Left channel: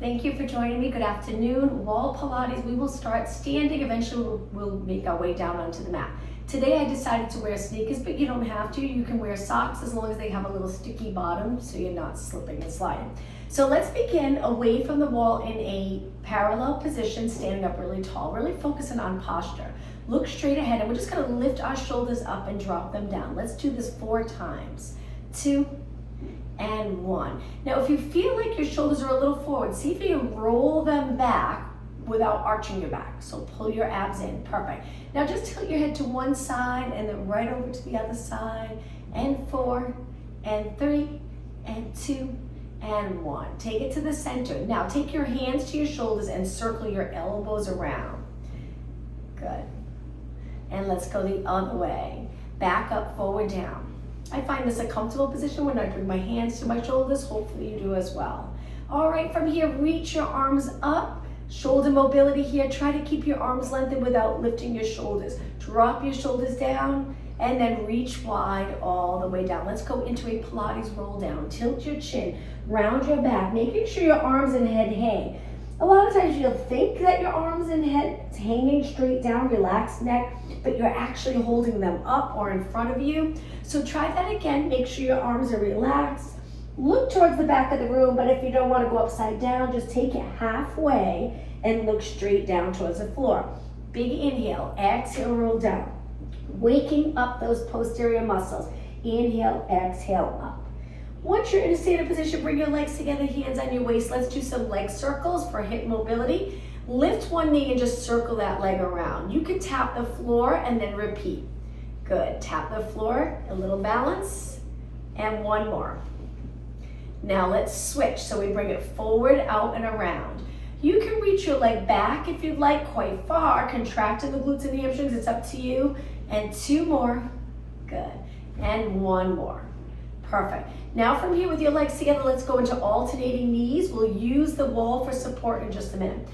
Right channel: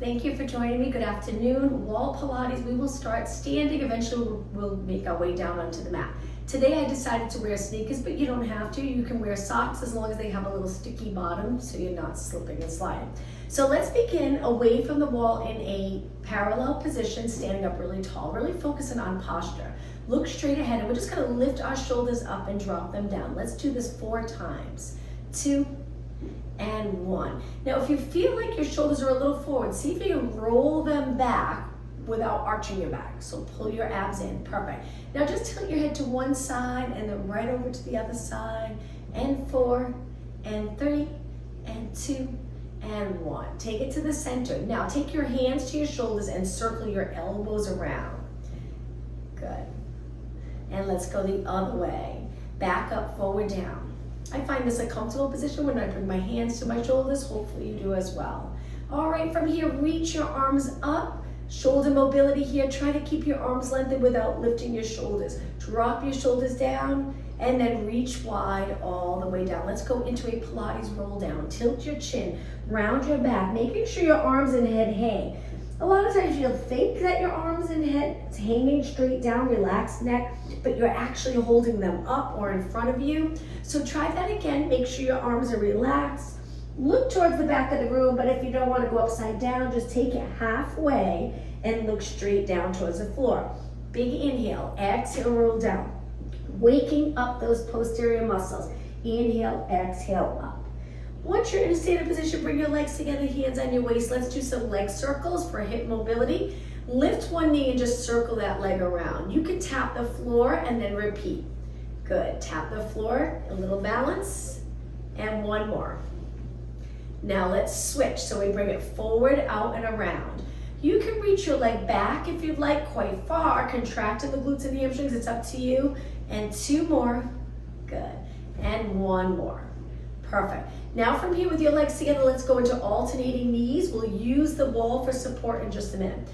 Thank you for joining me. Good afternoon. Wall Pilates. We will start standing. Eventually we'll make our way down onto the mat. Today I decided to wear sneakers, but you don't have to. You can wear socks as long as they have a little sticky bottom so you're not slipping and sliding. So let's begin away from the wall in a parallel position, standing up really tall, really focusing on posture. Look straight ahead, and we're just gonna lift our shoulders up and drop them down. Let's do this 4 times. 2 and 1. Now, if you feel like your shoulders are a little forward, see if you can roll them back without arching your back. So pull your abs in, perfect. Now just tilt your head to one side and then right over to the other side, and 4 and 3 and 2 and 1. Take it to the center. Now take your hands to your shoulders and circle your elbows around. Good. And let's go the other way. Back up, forward, down. I find this a comfortable position when I bring my hands to my shoulders. Hopefully you do as well. All right, from here, reach your arms up. Shoulder mobility here. Try to keep your arms lengthened without lifting your shoulders. Drop your shoulders down and then reach wide all the way down. Let's go into a Pilates roll down. Tilt your chin, round your back, making sure your arms and head hang. A lot of times you'll think that your arms and head is hanging straight down, relaxed neck, but you're actually holding them up or in front of you. So try that again. Make sure your arms are relaxed. Look towards the back of the room, but if you don't want to go upside down, just take it halfway and look straight down towards the floor. Big inhale, exhale, roll down. Waking up those posterior muscles. Inhale, exhale, up. Once you're in a standing position, bring your legs together, hands on your waist. Let's do some leg circles for hip mobility. Lift one knee and just circle that leg around. You can tap the floor and then repeat. Good, tap the floor, a little balance, and one more. Now let's switch. So we bring it forward, out, and around. You can reach your leg back if you'd like, quite far, contracting the glutes and the hamstrings, it's up to you. And 2 more, good, and 1 more. Perfect. Now from here with your legs together, let's go into alternating knees. We'll use the wall for support in just a minute.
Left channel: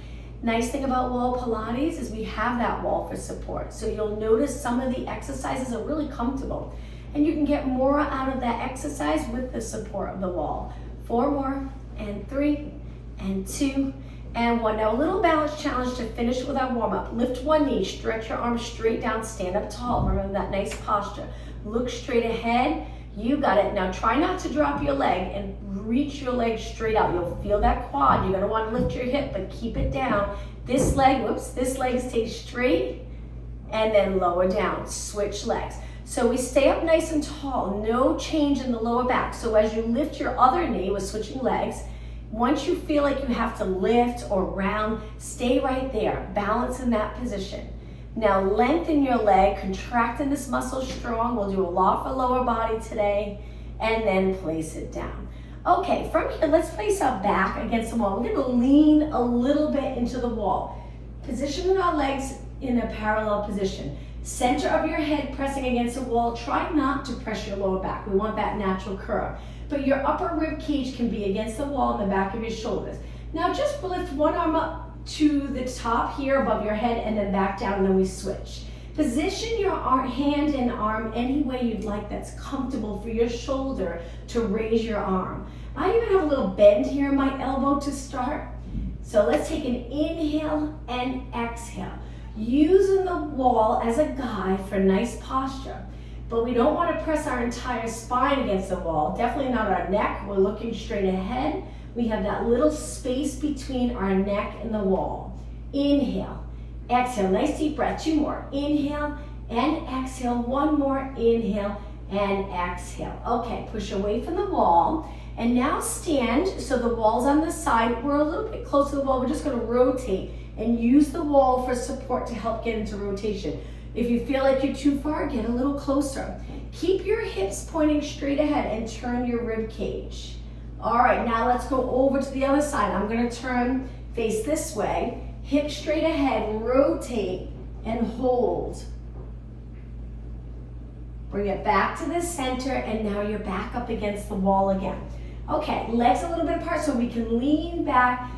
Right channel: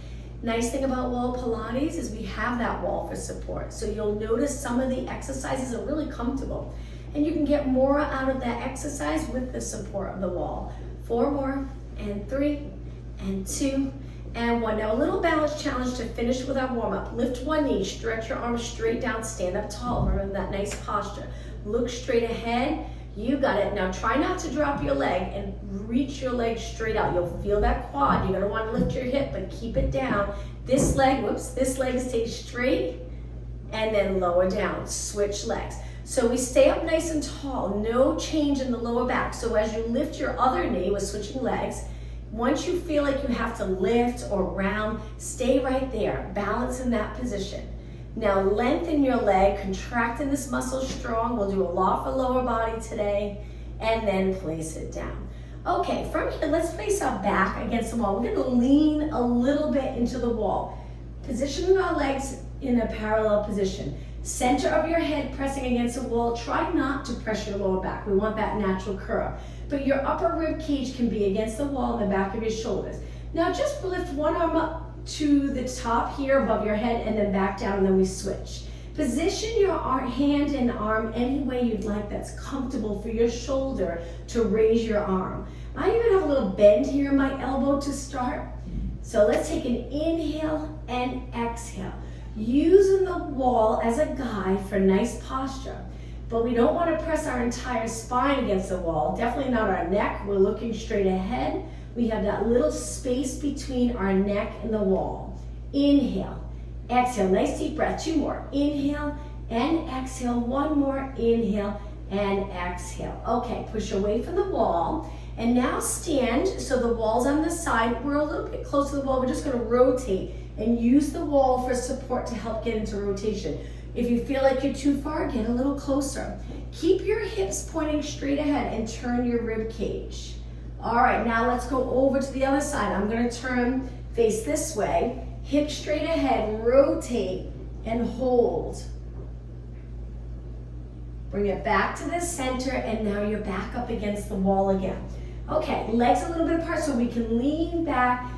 Nice thing about wall Pilates is we have that wall for support. So you'll notice some of the exercises are really comfortable. And you can get more out of that exercise with the support of the wall. 4 more, and 3, and 2, and 1. Now a little balance challenge to finish with our warm up. Lift one knee, stretch your arms straight down, stand up tall. Remember that nice posture. Look straight ahead. You got it. Now try not to drop your leg and reach your leg straight out. You'll feel that quad. You're gonna want to lift your hip, but keep it down. This leg, this leg stays straight and then lower down. Switch legs. So we stay up nice and tall, no change in the lower back. So as you lift your other knee with switching legs, once you feel like you have to lift or round, stay right there, balance in that position. Now lengthen your leg, contracting this muscle strong. We'll do a lot for lower body today, and then place it down. Okay, from here, let's place our back against the wall. We're gonna lean a little bit into the wall. Positioning our legs in a parallel position. Center of your head pressing against the wall. Try not to press your lower back. We want that natural curve. But your upper rib cage can be against the wall in the back of your shoulders. Now just lift one arm up to the top here above your head and then back down, and then we switch. Position your hand and arm any way you'd like that's comfortable for your shoulder to raise your arm. I even have a little bend here in my elbow to start. So let's take an inhale and exhale. Using the wall as a guide for nice posture. But we don't want to press our entire spine against the wall. Definitely not our neck. We're looking straight ahead. We have that little space between our neck and the wall. Inhale, exhale, nice deep breath. 2 more. Inhale and exhale. 1 more. Inhale and exhale. Okay, push away from the wall. And now stand, so the wall's on the side. We're a little bit close to the wall. We're just gonna rotate and use the wall for support to help get into rotation. If you feel like you're too far, get a little closer. Keep your hips pointing straight ahead and turn your rib cage. All right, now let's go over to the other side. I'm gonna turn, face this way, hips straight ahead, rotate and hold. Bring it back to the center, and now you're back up against the wall again. Okay, legs a little bit apart so we can lean back,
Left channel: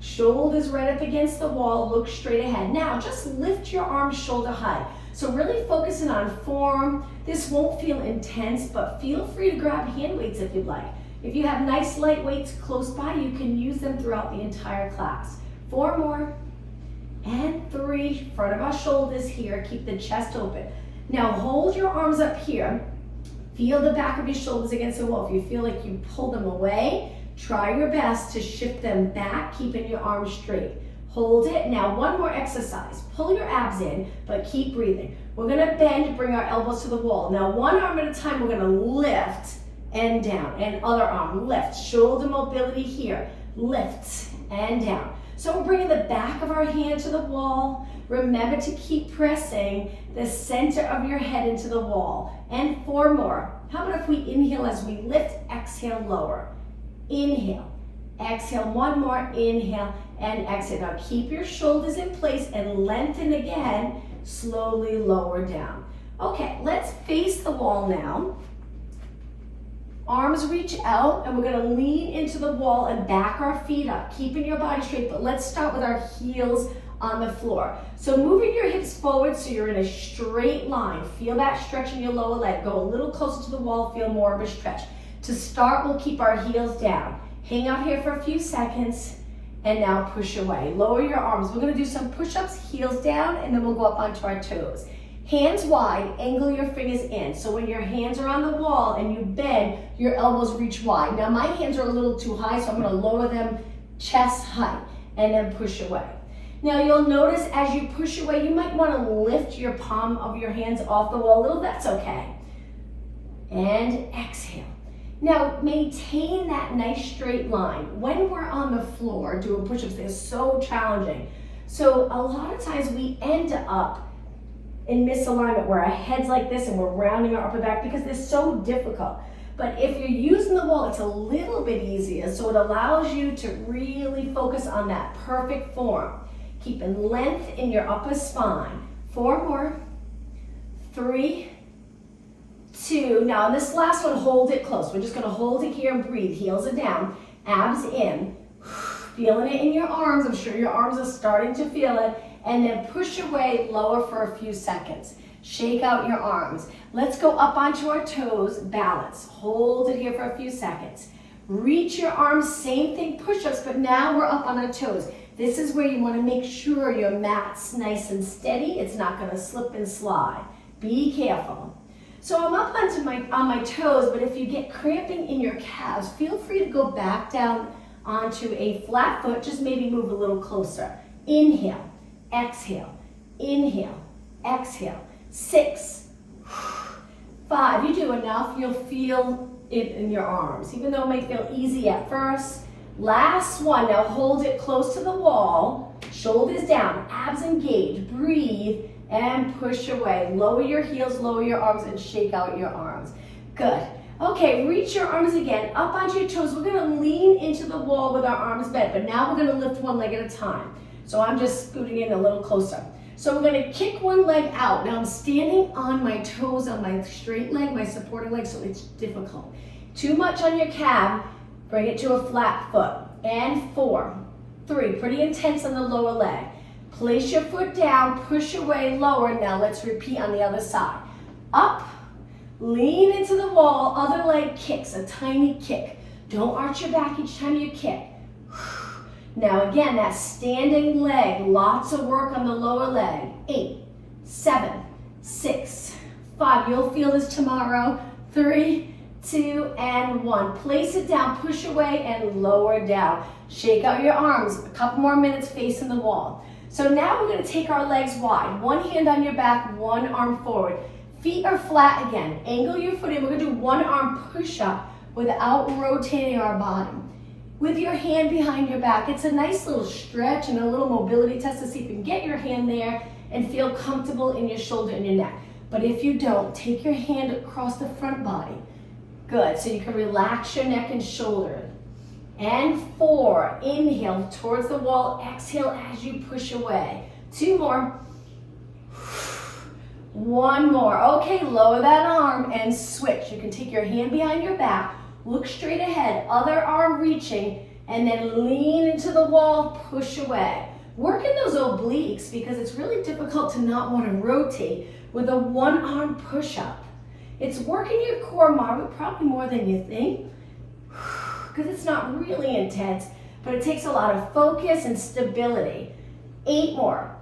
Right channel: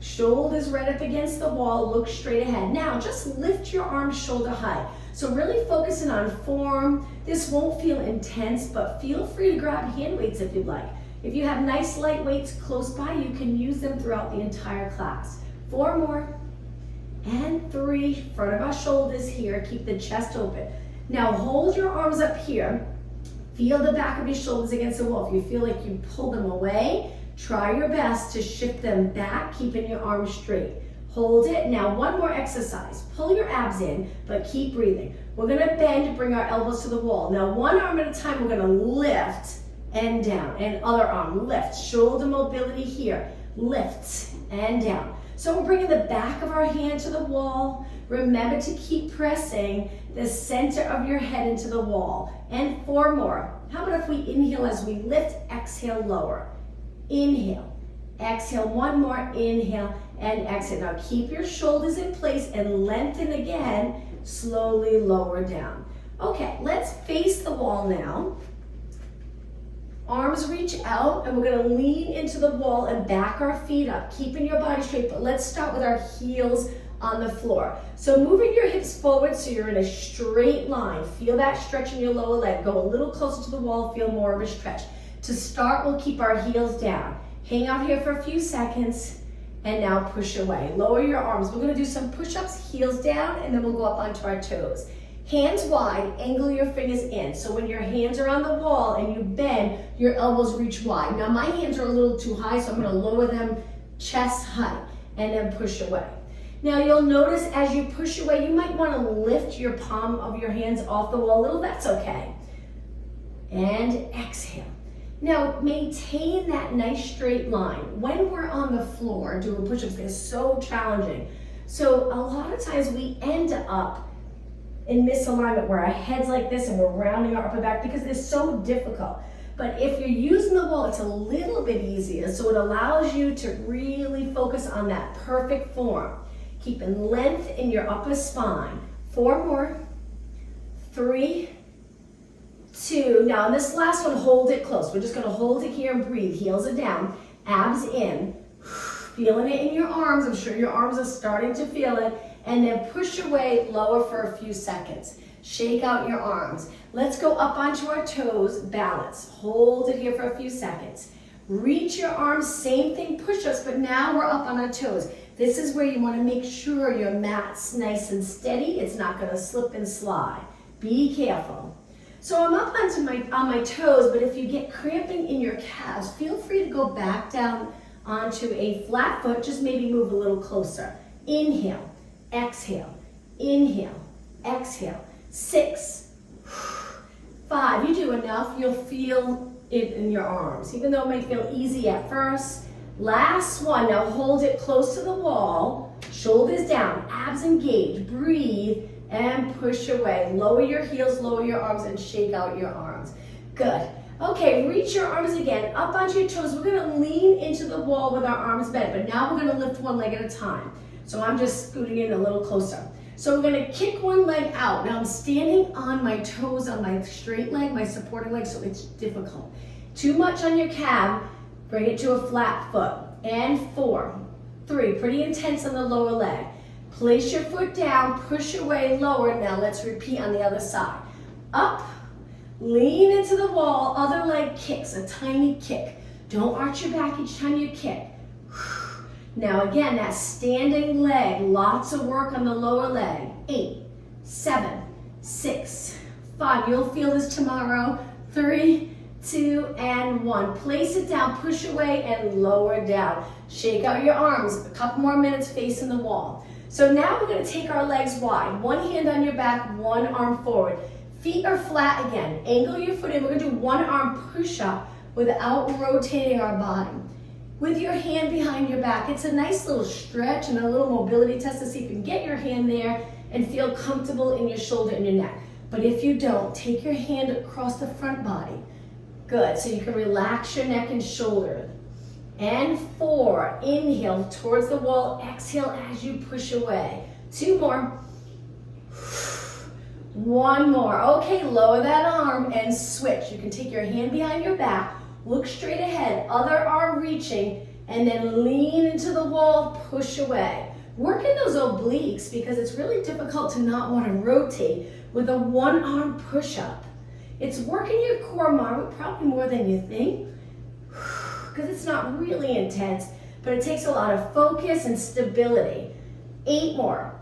shoulders right up against the wall, look straight ahead. Now just lift your arms shoulder high. So really focusing on form. This won't feel intense, but feel free to grab hand weights if you'd like. If you have nice light weights close by, you can use them throughout the entire class. 4 more, and 3, front of our shoulders here, keep the chest open. Now hold your arms up here, feel the back of your shoulders against the wall. If you feel like you pull them away, try your best to shift them back, keeping your arms straight. Hold it. Now one more exercise. Pull your abs in, but keep breathing. We're gonna bend, bring our elbows to the wall. Now one arm at a time, we're gonna lift and down, and other arm, lift. Shoulder mobility here, lift and down. So we're bringing the back of our hand to the wall. Remember to keep pressing the center of your head into the wall. And 4 more. How about if we inhale as we lift, exhale, lower. Inhale, exhale, 1 more, inhale, and exhale. Now keep your shoulders in place and lengthen again, slowly lower down. Okay, let's face the wall now. Arms reach out, and we're gonna lean into the wall and back our feet up, keeping your body straight, but let's start with our heels on the floor. So moving your hips forward so you're in a straight line. Feel that stretch in your lower leg. Go a little closer to the wall, feel more of a stretch. To start, we'll keep our heels down. Hang out here for a few seconds, and now push away. Lower your arms. We're gonna do some push-ups, heels down, and then we'll go up onto our toes. Hands wide, angle your fingers in. So when your hands are on the wall and you bend, your elbows reach wide. Now my hands are a little too high, so I'm gonna lower them chest height and then push away. Now you'll notice as you push away, you might wanna lift your palm of your hands off the wall a little, that's okay. And exhale. Now maintain that nice straight line. When we're on the floor doing push-ups, they're so challenging. So a lot of times we end up in misalignment where our head's like this and we're rounding our upper back because they're so difficult. But if you're using the wall, it's a little bit easier, so it allows you to really focus on that perfect form. Keeping length in your upper spine. 4 more, 3, 2. Now this last one, hold it close. We're just gonna hold it here and breathe. Heels are down, abs in. Feeling it in your arms. I'm sure your arms are starting to feel it. And then push away, lower for a few seconds. Shake out your arms. Let's go up onto our toes, balance. Hold it here for a few seconds. Reach your arms, same thing, push-ups, but now we're up on our toes. This is where you wanna make sure your mat's nice and steady. It's not gonna slip and slide. Be careful. So I'm up on my toes, but if you get cramping in your calves, feel free to go back down onto a flat foot, just maybe move a little closer. Inhale. Exhale, inhale, exhale. 6, 5, you do enough, you'll feel it in your arms, even though it may feel easy at first. Last one, now hold it close to the wall, shoulders down, abs engaged, breathe, and push away. Lower your heels, lower your arms, and shake out your arms. Good. Okay, reach your arms again, up onto your toes. We're gonna lean into the wall with our arms bent, but now we're gonna lift one leg at a time. So I'm just scooting in a little closer. So we're gonna kick one leg out. Now I'm standing on my toes on my straight leg, my supporting leg, so it's difficult. Too much on your calf, bring it to a flat foot. And 4, 3, pretty intense on the lower leg. Place your foot down, push away, lower. Now let's repeat on the other side. Up, lean into the wall, other leg kicks, a tiny kick. Don't arch your back each time you kick. Now again, that standing leg, lots of work on the lower leg. 8, 7, 6, 5. You'll feel this tomorrow. 3, 2, and 1. Place it down, push away, and lower down. Shake out your arms. A couple more minutes facing the wall. So now we're going to take our legs wide. One hand on your back, one arm forward. Feet are flat again. Angle your foot in. We're going to do one arm push-up without rotating our body. With your hand behind your back, it's a nice little stretch and a little mobility test to see if you can get your hand there and feel comfortable in your shoulder and your neck. But if you don't, take your hand across the front body. Good, so you can relax your neck and shoulder. And 4, inhale towards the wall, exhale as you push away. 2 more. 1 more. Okay, lower that arm and switch. You can take your hand behind your back, look straight ahead, other arm reaching, and then lean into the wall, push away. Work in those obliques because it's really difficult to not want to rotate with a one arm push-up. It's working your core probably more than you think. because it's not really intense, but it takes a lot of focus and stability. 8 more.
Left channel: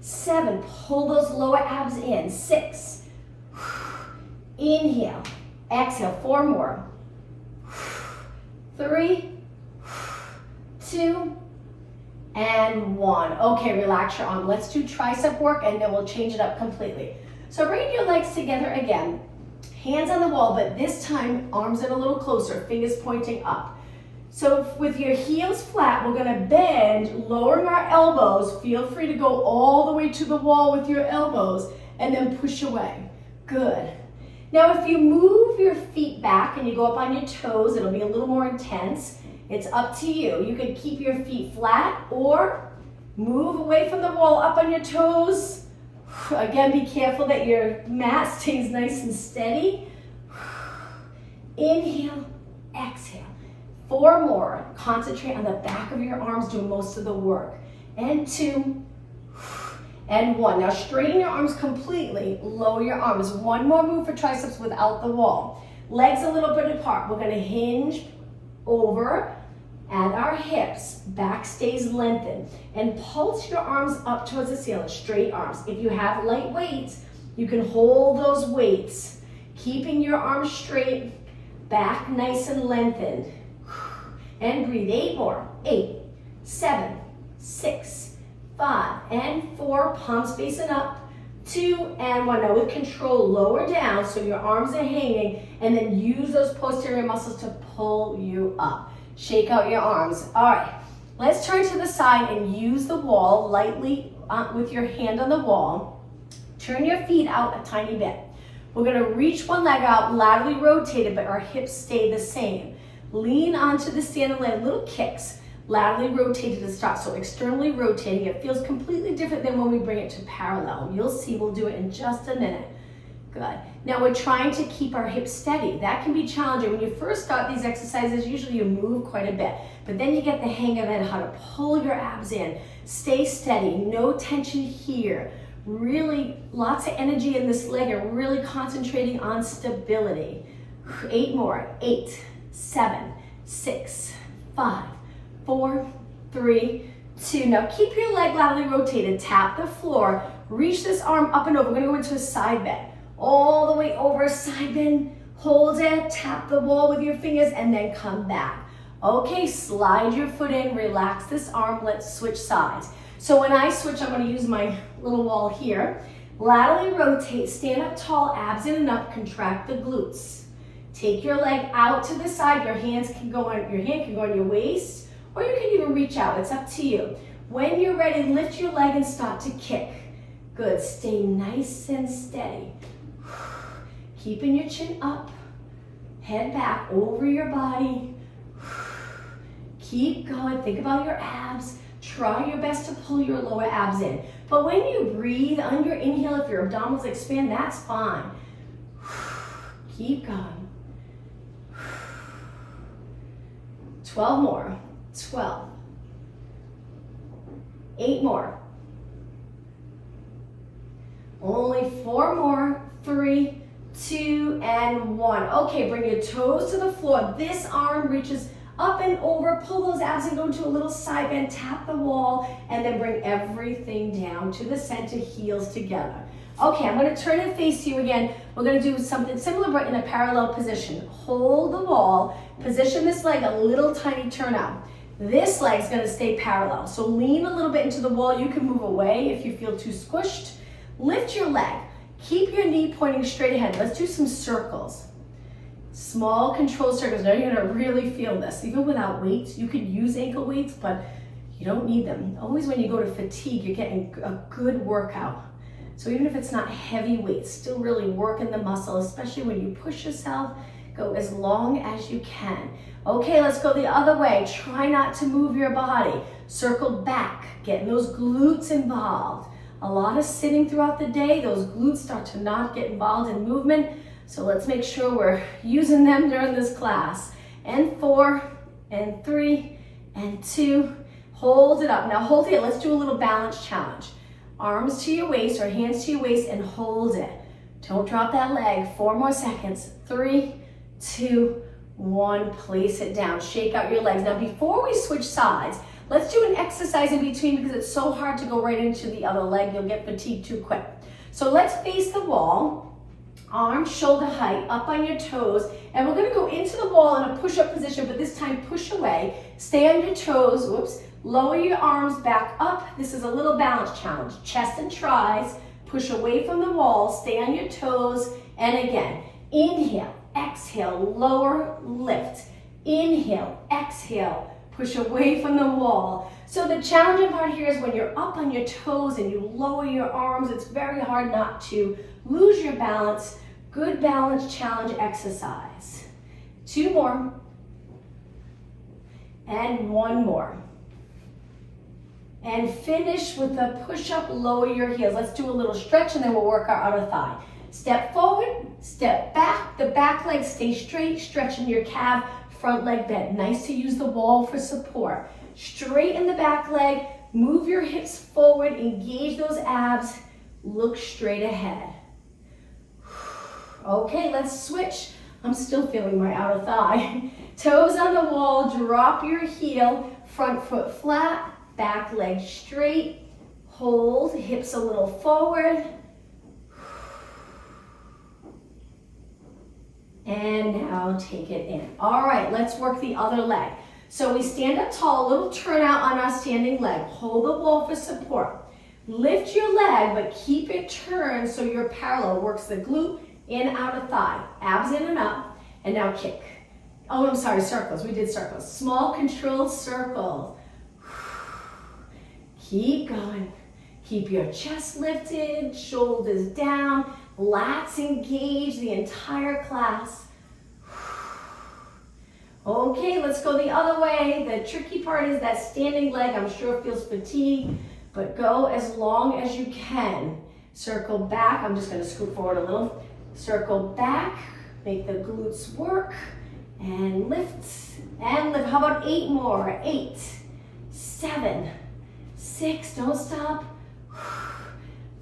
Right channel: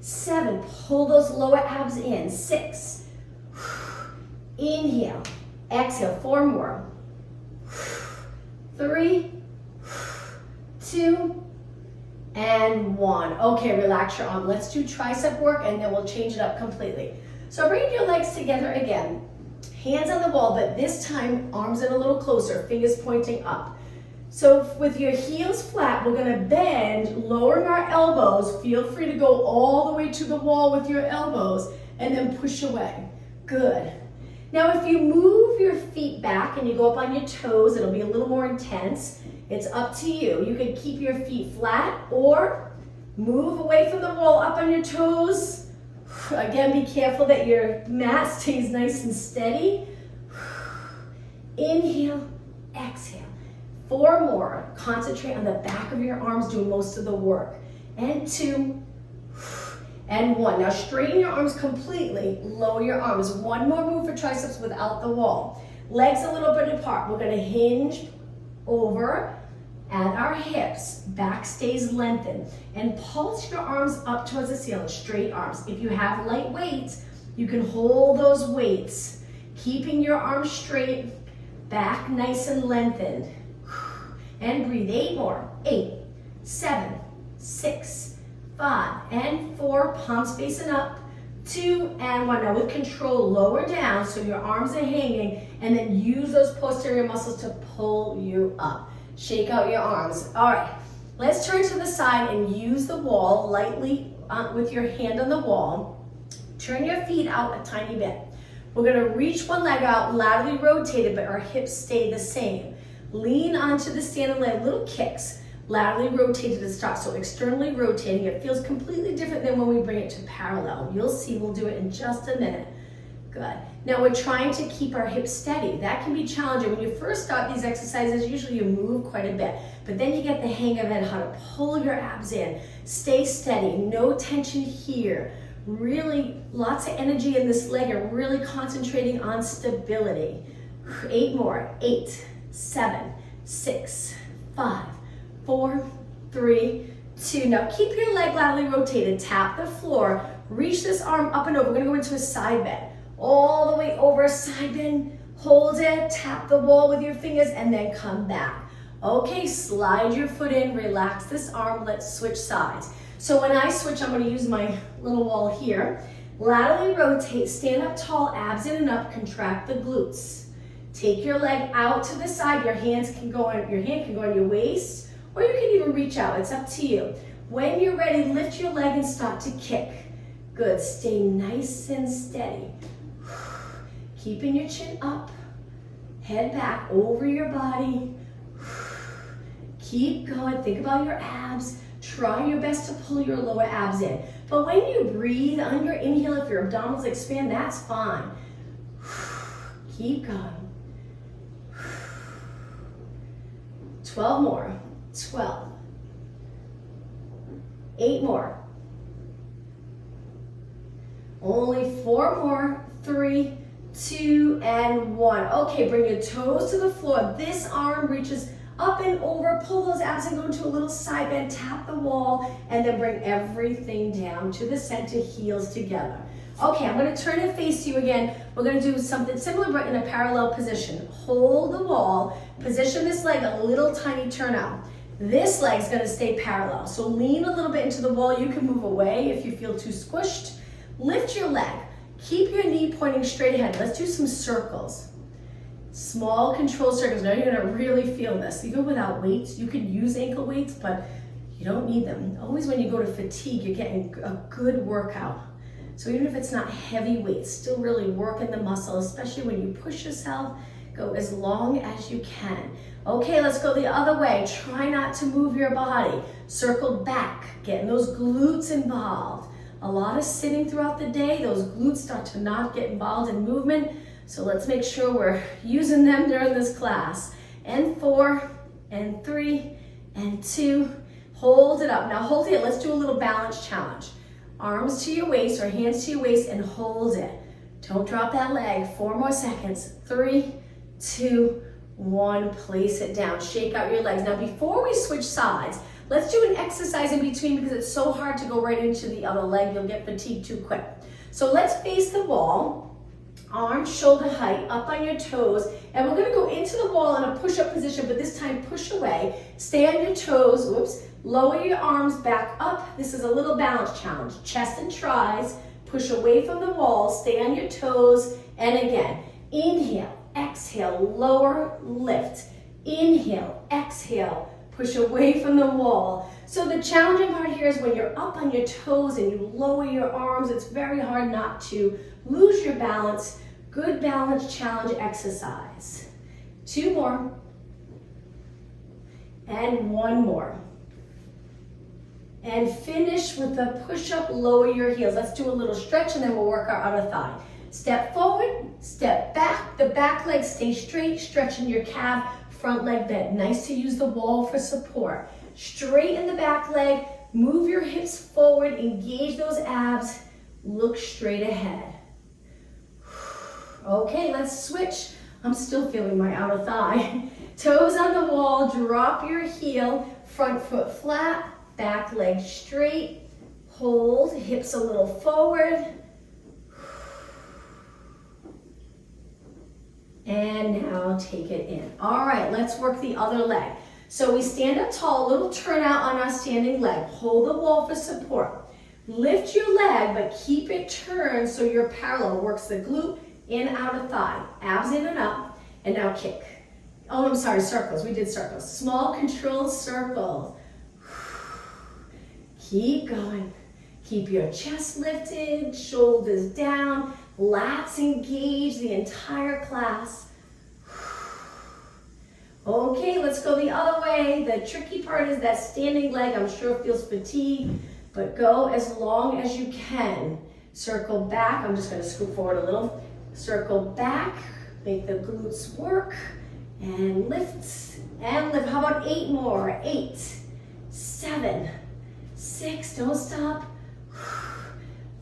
7, pull those lower abs in. 6, inhale, exhale. 4 more. 3, 2, and 1. Okay, relax your arm. Let's do tricep work and then we'll change it up completely. So bring your legs together again. Hands on the wall, but this time arms in a little closer, fingers pointing up. So with your heels flat, we're gonna bend, lowering our elbows. Feel free to go all the way to the wall with your elbows and then push away. Good. Now if you move your feet back and you go up on your toes, it'll be a little more intense. It's up to you. You can keep your feet flat or move away from the wall up on your toes. Again, be careful that your mat stays nice and steady. Inhale, exhale. 4 more. Concentrate on the back of your arms, do most of the work. And 2, and 1. Now straighten your arms completely, lower your arms. 1 more move for triceps without the wall. Legs a little bit apart. We're gonna hinge over at our hips, back stays lengthened, and pulse your arms up towards the ceiling, straight arms. If you have light weights, you can hold those weights, keeping your arms straight, back nice and lengthened. And breathe. 8 more. 8, 7, 6, 5, and 4. Palms facing up. 2 and 1. Now with control, lower down so your arms are hanging, and then use those posterior muscles to pull you up. Shake out your arms. All right, let's turn to the side and use the wall lightly with your hand on the wall. Turn your feet out a tiny bit. We're gonna reach one leg out, laterally rotated, but our hips stay the same. Lean onto the standing leg, little kicks, laterally rotated to start. So externally rotating, it feels completely different than when we bring it to parallel. You'll see, we'll do it in just a minute. Good. Now we're trying to keep our hips steady. That can be challenging. When you first start these exercises, usually you move quite a bit, but then you get the hang of it, how to pull your abs in. Stay steady, no tension here. Really lots of energy in this leg and really concentrating on stability. 8 more. 8, 7, 6, 5, 4, 3, 2. Now keep your leg laterally rotated. Tap the floor. Reach this arm up and over. We're gonna go into a side bend. All the way over, side bend, hold it, tap the wall with your fingers, and then come back. Okay, slide your foot in, relax this arm, let's switch sides. So when I switch, I'm gonna use my little wall here. Laterally rotate, stand up tall, abs in and up, contract the glutes. Take your leg out to the side, your hand can go on your waist, or you can even reach out, it's up to you. When you're ready, lift your leg and start to kick. Good, stay nice and steady. Keeping your chin up, head back over your body. Keep going, think about your abs. Try your best to pull your lower abs in. But when you breathe on your inhale, if your abdominals expand, that's fine. Keep going. 12 more, 12. 8 more. Only 4 more, 3, 2, and 1. Okay, bring your toes to the floor. This arm reaches up and over. Pull those abs and go into a little side bend. Tap the wall, and then bring everything down to the center, heels together. Okay, I'm gonna turn and face you again. We're gonna do something similar, but in a parallel position. Hold the wall, position this leg a little tiny turn out. This leg's gonna stay parallel. So lean a little bit into the wall. You can move away if you feel too squished. Lift your leg. Keep your knee pointing straight ahead. Let's do some circles. Small controlled circles. Now you're gonna really feel this. Even without weights, you can use ankle weights, but you don't need them. Always when you go to fatigue, you're getting a good workout. So even if it's not heavy weights, still really working the muscle, especially when you push yourself, go as long as you can. Okay, let's go the other way. Try not to move your body. Circle back, getting those glutes involved. A lot of sitting throughout the day, those glutes start to not get involved in movement. So let's make sure we're using them during this class. And 4, and 3, and 2. Hold it up. Now hold it. Let's do a little balance challenge. Arms to your waist or hands to your waist and hold it. Don't drop that leg. 4 more seconds. 3, 2, 1, place it down. Shake out your legs. Now before we switch sides, let's do an exercise in between because it's so hard to go right into the other leg. You'll get fatigued too quick. So let's face the wall, arms shoulder height, up on your toes, and we're gonna go into the wall in a push-up position, but this time push away. Stay on your toes, whoops. Lower your arms back up. This is a little balance challenge. Chest and tries, push away from the wall, stay on your toes, and again, inhale, exhale, lower, lift. Inhale, exhale, push away from the wall. So the challenging part here is when you're up on your toes and you lower your arms, it's very hard not to lose your balance. Good balance challenge exercise. 2 more. And 1 more. And finish with the push-up, lower your heels. Let's do a little stretch and then we'll work our outer thigh. Step forward, step back. The back leg stay straight, stretching your calf, front leg bent. Nice to use the wall for support. Straighten the back leg, move your hips forward, engage those abs, look straight ahead. Okay, let's switch. I'm still feeling my outer thigh. Toes on the wall, drop your heel, front foot flat, back leg straight, hold, hips a little forward. And now take it in. All right, let's work the other leg. So we stand up tall, a little turnout on our standing leg. Hold the wall for support. Lift your leg, but keep it turned so you're parallel. Works the glute and outer thigh. Abs in and up. And now kick. Oh, I'm sorry, circles. We did circles. Small controlled circles. Keep going. Keep your chest lifted, shoulders down, lats engaged the entire class. Okay, let's go the other way. The tricky part is that standing leg. I'm sure it feels fatigued, but go as long as you can. Circle back. I'm just going to scoot forward a little. Circle back. Make the glutes work. And lift. And lift. How about 8 more? 8, 7, 6. Don't stop.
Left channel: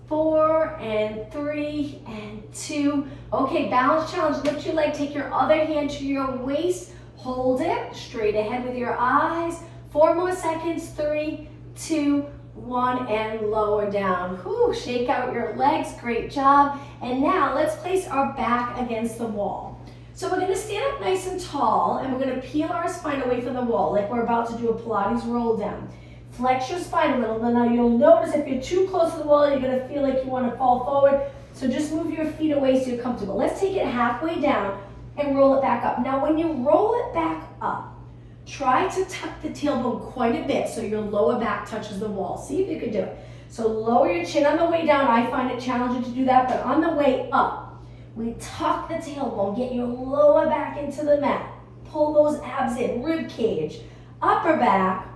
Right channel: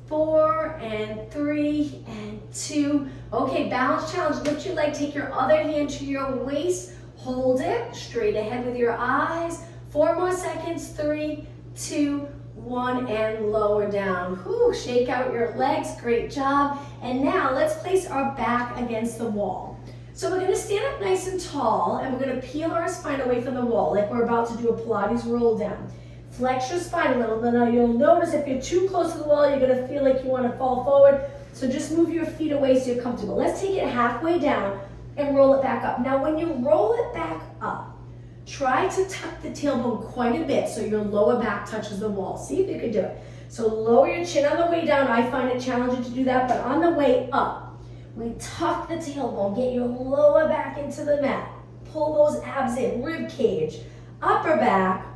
4 and 3 and 2. Okay, balance challenge. Lift your leg. Take your other hand to your waist. Hold it straight ahead with your eyes. 4 more seconds. 3, 2, 1, and lower down. Whew, shake out your legs. Great job. And now let's place our back against the wall. So we're gonna stand up nice and tall and we're gonna peel our spine away from the wall like we're about to do a Pilates roll down. Flex your spine a little bit. Now you'll notice if you're too close to the wall, you're gonna feel like you wanna fall forward. So just move your feet away so you're comfortable. Let's take it halfway down and roll it back up. Now when you roll it back up, try to tuck the tailbone quite a bit so your lower back touches the wall. See if you can do it. So lower your chin on the way down. I find it challenging to do that, but on the way up, we tuck the tailbone, get your lower back into the mat. Pull those abs in, rib cage, upper back,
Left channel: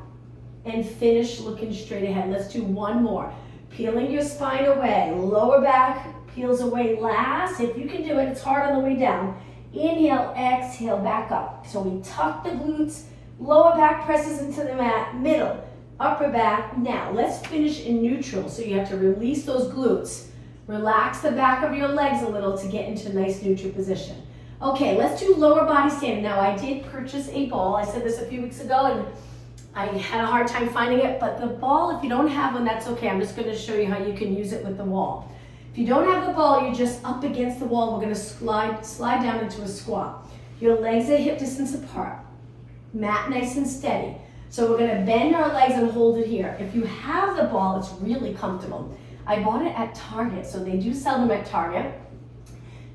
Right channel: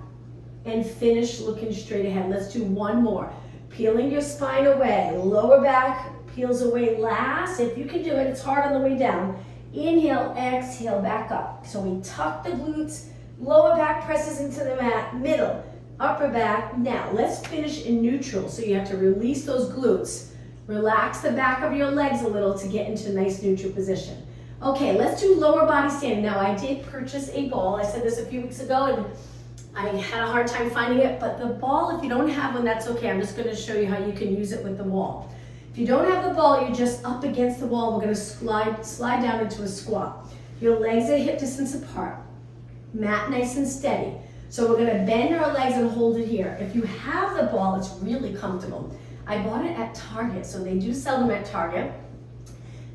and finish looking straight ahead. Let's do 1 more. Peeling your spine away, lower back peels away last. If you can do it, it's hard on the way down. Inhale, exhale, back up. So we tuck the glutes, lower back presses into the mat, middle, upper back. Now let's finish in neutral. So you have to release those glutes. Relax the back of your legs a little to get into a nice neutral position. Okay, let's do lower body standing. Now I did purchase a ball. I said this a few weeks ago and I had a hard time finding it, but the ball, if you don't have one, that's okay. I'm just gonna show you how you can use it with the wall. If you don't have the ball, you're just up against the wall. We're gonna slide down into a squat. Your legs are hip distance apart. Mat nice and steady. So we're gonna bend our legs and hold it here. If you have the ball, it's really comfortable. I bought it at Target, so they do sell them at Target.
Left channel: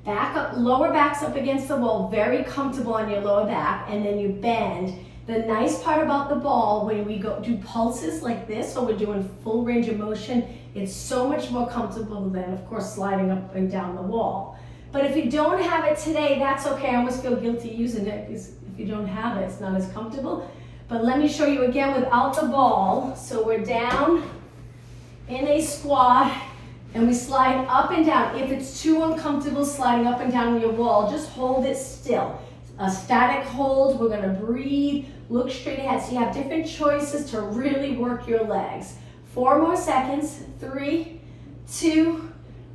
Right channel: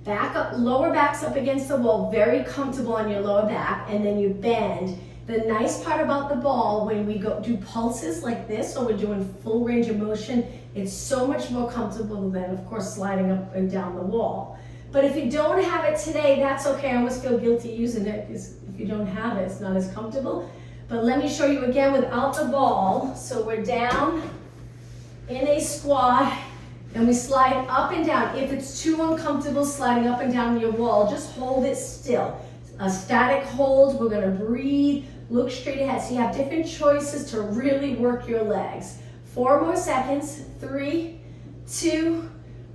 Back up, lower back's up against the wall, very comfortable on your lower back, and then you bend. The nice part about the ball, when we go do pulses like this, so we're doing full range of motion, it's so much more comfortable than, of course, sliding up and down the wall. But if you don't have it today, that's okay. I almost feel guilty using it because if you don't have it, it's not as comfortable. But let me show you again without the ball. So we're down in a squat and we slide up and down. If it's too uncomfortable sliding up and down your wall, just hold it still. A static hold, we're gonna breathe, look straight ahead. So you have different choices to really work your legs. 4 more seconds, 3, 2,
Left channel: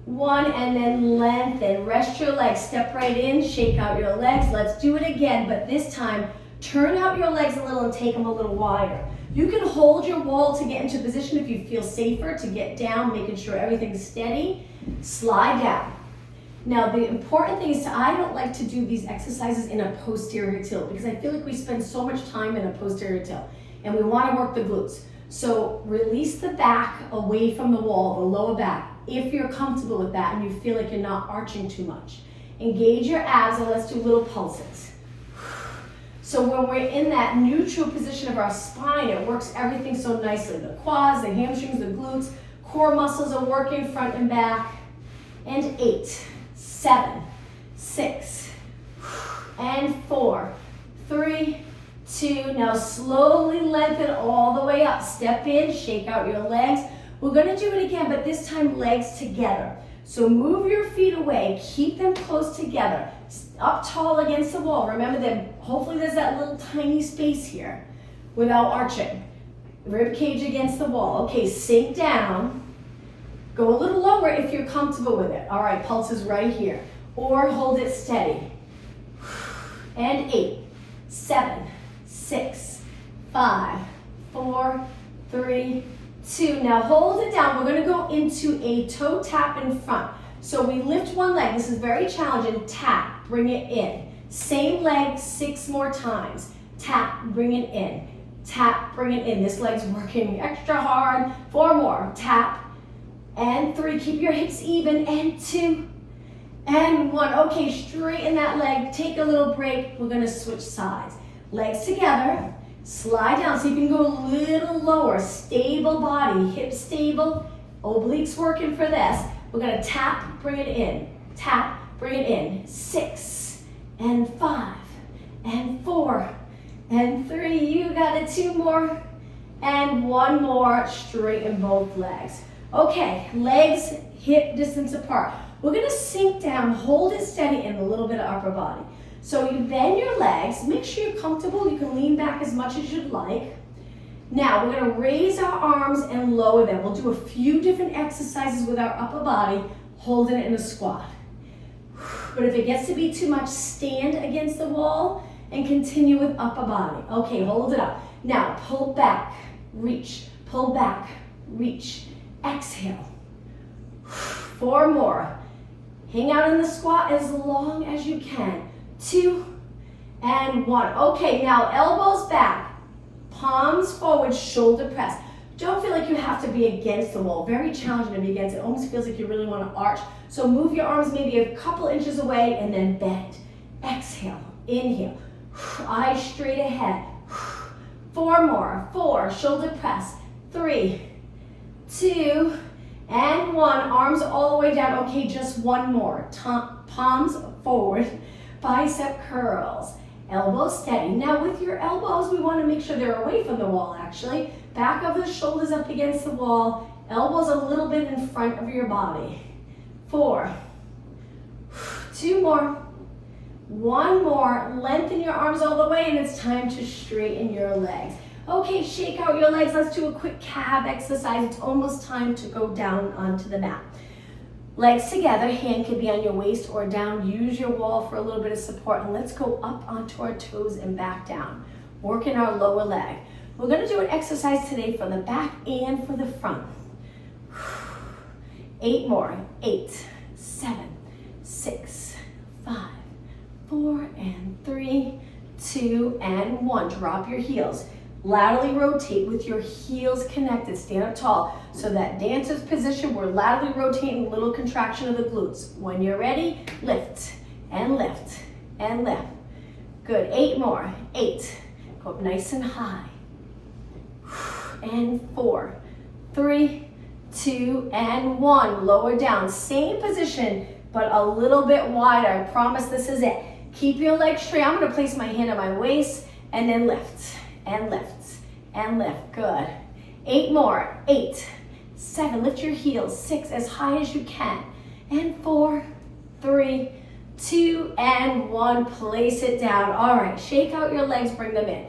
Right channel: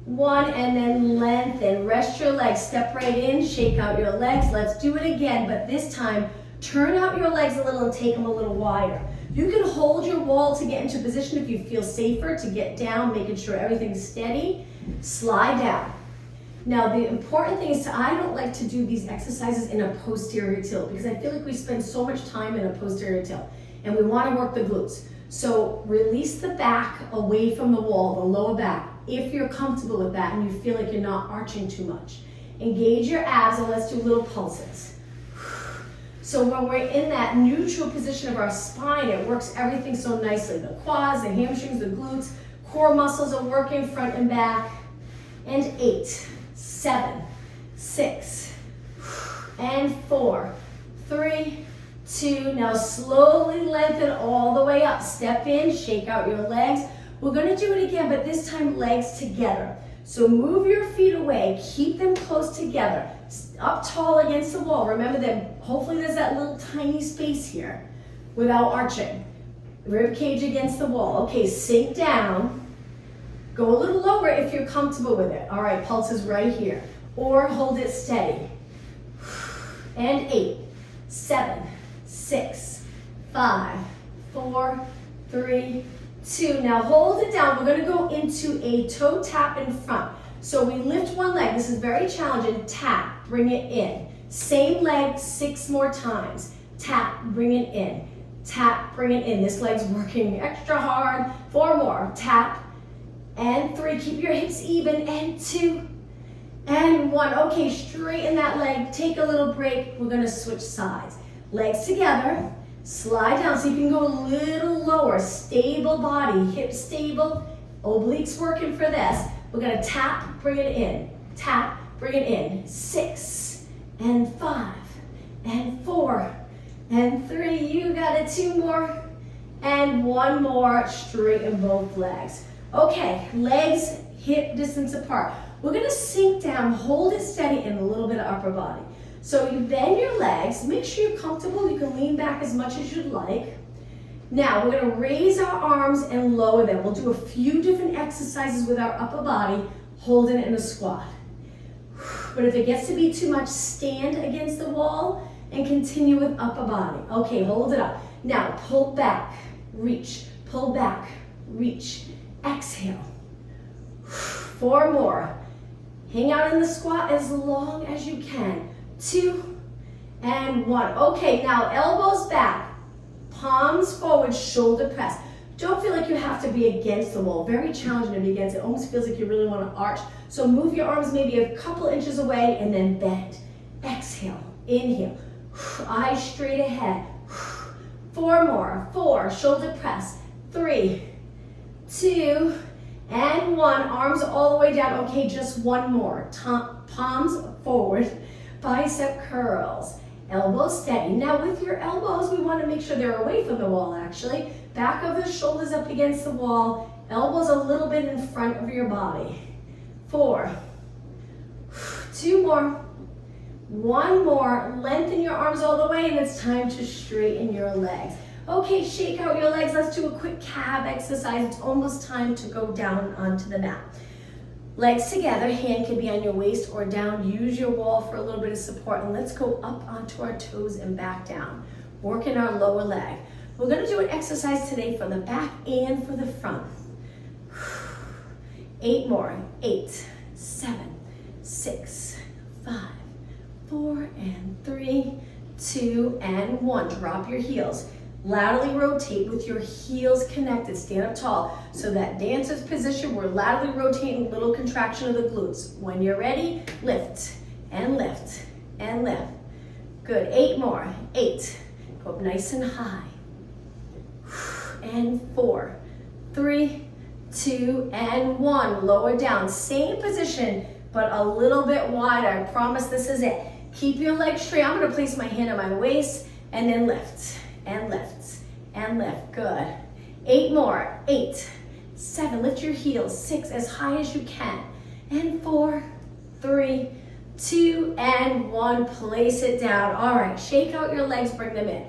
1, and then lengthen. Rest your legs, step right in, shake out your legs. Let's do it again, but this time, turn out your legs a little and take them a little wider. You can hold your wall to get into position if you feel safer, to get down, making sure everything's steady. Slide down. Now, the important thing is I don't like to do these exercises in a posterior tilt because I feel like we spend so much time in a posterior tilt and we want to work the glutes. So release the back away from the wall, the lower back, if you're comfortable with that and you feel like you're not arching too much. Engage your abs and let's do little pulses. So when we're in that neutral position of our spine, it works everything so nicely. The quads, the hamstrings, the glutes, core muscles are working front and back. And 8, 7, 6, and 4, 3, 2. Now slowly lengthen all the way up. Step in, shake out your legs. We're gonna do it again, but this time legs together. So move your feet away, keep them close together. Up tall against the wall. Remember that hopefully there's that little tiny space here without arching. Rib cage against the wall. Okay, sink down. Go a little lower if you're comfortable with it. All right, pulses right here. Or hold it steady. And 8, 7, 6, 5, 4, 3, 2. Now hold it down. We're gonna go into a toe tap in front. So we lift one leg. This is very challenging. Tap, bring it in. Same leg 6 more times. Tap, bring it in. Tap, bring it in. This leg's working extra hard. 4 more. Tap, and 3. Keep your hips even. And 2, and 1. Okay, straighten that leg. Take a little break. We're gonna switch sides. Legs together. Slide down so you can go a little lower. Stable body, hips stable. Obliques working for this. We're gonna tap, bring it in. Tap, bring it in. 6, and 5, and 4, and 3. You got it. 2 more, and 1 more. Straighten both legs. Okay, legs hip distance apart. We're gonna sink down, hold it steady, and a little bit of upper body. So you bend your legs, make sure you're comfortable. You can lean back as much as you'd like. Now we're gonna raise our arms and lower them. We'll do a few different exercises with our upper body, holding it in a squat. But if it gets to be too much, stand against the wall and continue with upper body. Okay, hold it up. Now pull back, reach, pull back, reach. Exhale. 4 more. Hang out in the squat as long as you can. 2, and 1. Okay, now elbows back, palms forward, shoulder press. Don't feel like you have to be against the wall. Very challenging to be against it. Almost feels like you really want to arch. So move your arms maybe a couple inches away and then bend. Exhale, inhale. Eyes straight ahead. 4 more. 4, shoulder press. 3, 2, and 1. Arms all the way down. Okay, just 1 more. Palms forward. Bicep curls. Elbows steady. Now with your elbows, we want to make sure they're away from the wall actually. Back of the shoulders up against the wall. Elbows a little bit in front of your body. 4. 2 more. 1 more. Lengthen your arms all the way and it's time to straighten your legs. Okay, shake out your legs. Let's do a quick calf exercise. It's almost time to go down onto the mat. Legs together, hand can be on your waist or down. Use your wall for a little bit of support. And let's go up onto our toes and back down. Working our lower leg. We're gonna do an exercise today for the back and for the front. 8 more. 8, 7, 6, 5, 4, and 3, 2, and 1. Drop your heels. Laterally rotate with your heels connected. Stand up tall. So that dancer's position, we're laterally rotating, little contraction of the glutes. When you're ready, lift and lift and lift. Good. 8 more. 8. Go up nice and high. And 4, 3, 2, and 1. Lower down. Same position, but a little bit wider. I promise this is it. Keep your legs straight. I'm going to place my hand on my waist and then lift and lift and lift. Good. 8 more. 8, 7. Lift your heels. 6, as high as you can. And 4, 3, 2, and 1. Place it down. All right. Shake out your legs. Bring them in.